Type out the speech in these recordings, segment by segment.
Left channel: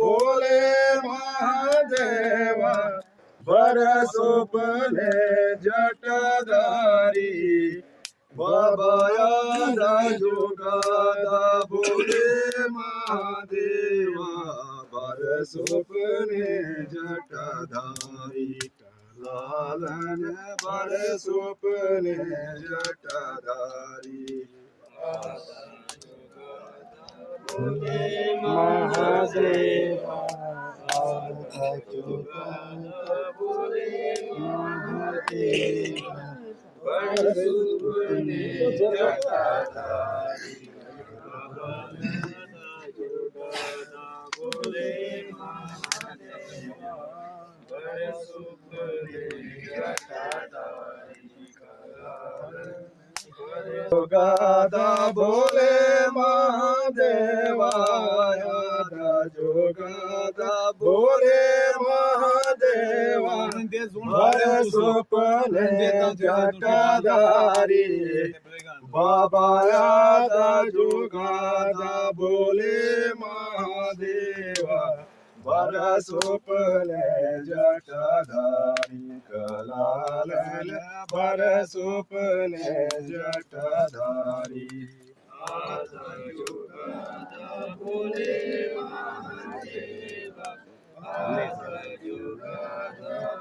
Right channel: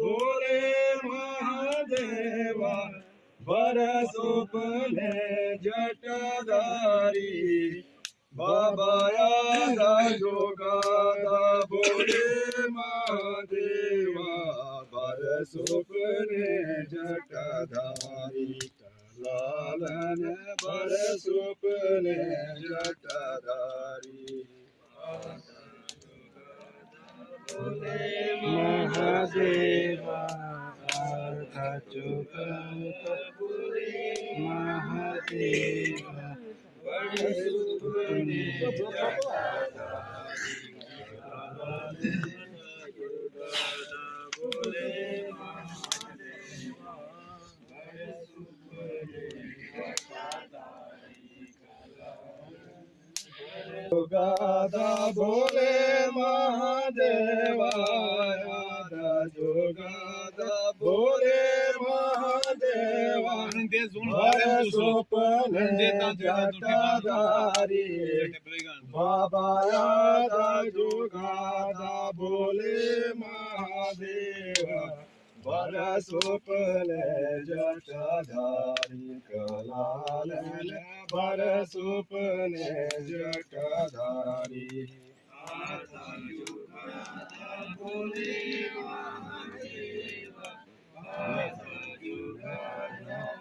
बोले महादेवा बरसोपले जटाधारी बाबाया जोगादा बोले महादेवा बरसोपले जटाधारी लालन बरसोपले जटाधारी बोले महादेवा बोले महादेवा बरसोपले जटाधारी बोले महादेवा बरसोपले जटाधारी जोगादा बोले महादेवा जोगादा बोले महादेवा बरसोपले जटाधारी बाबाया जोगादा बोले महादेवा बरसोपले जटाधारी कलालन बरसोपले जटाधारी बोले महादेवा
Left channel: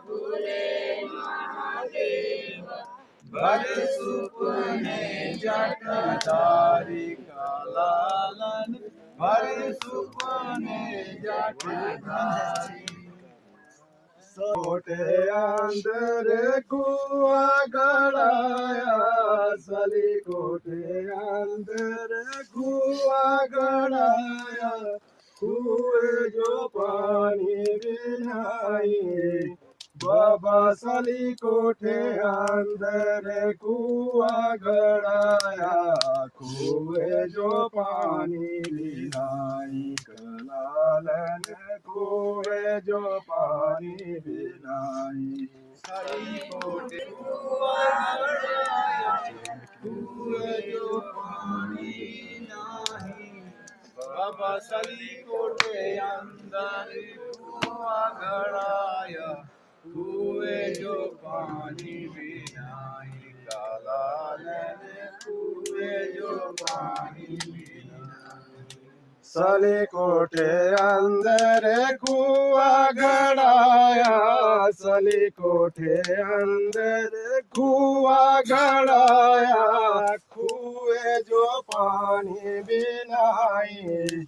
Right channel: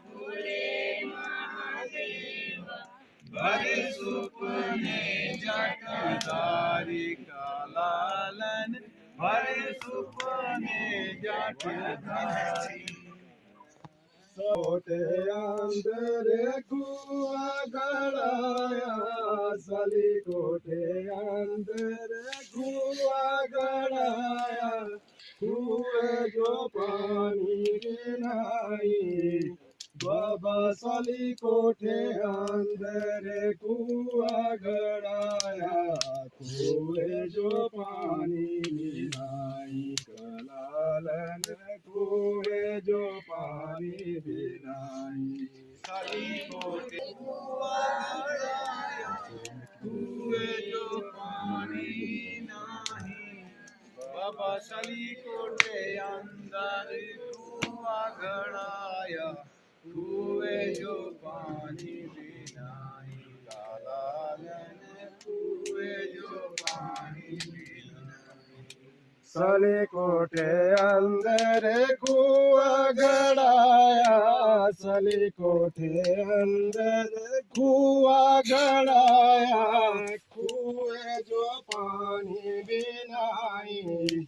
बोले महादेवा बरसोपले जटाधारी कलालन बरसोपले जटाधारी छोटे अंदर कुआ गड़ाया सली कोठे अंदर कुआ गड़ाया कुए जो पानी बिनाई बाबा सली कोठे अंदर कुआ गड़ाया कुए जो पानी बिनाई कलालन कुए जो पानी बिनाई सली कोठे कुआ गड़ाया कुए जो पानी नहीं बाबा सली कोठे अंदर कुआ गड़ाया कुए जो पानी बिनाई कलालन कुए जो पानी बिनाई सली कोठे अंदर कुआ गड़ाया सली कोठे अंदर कुआ गड़ाया कुए जो पानी बिनाई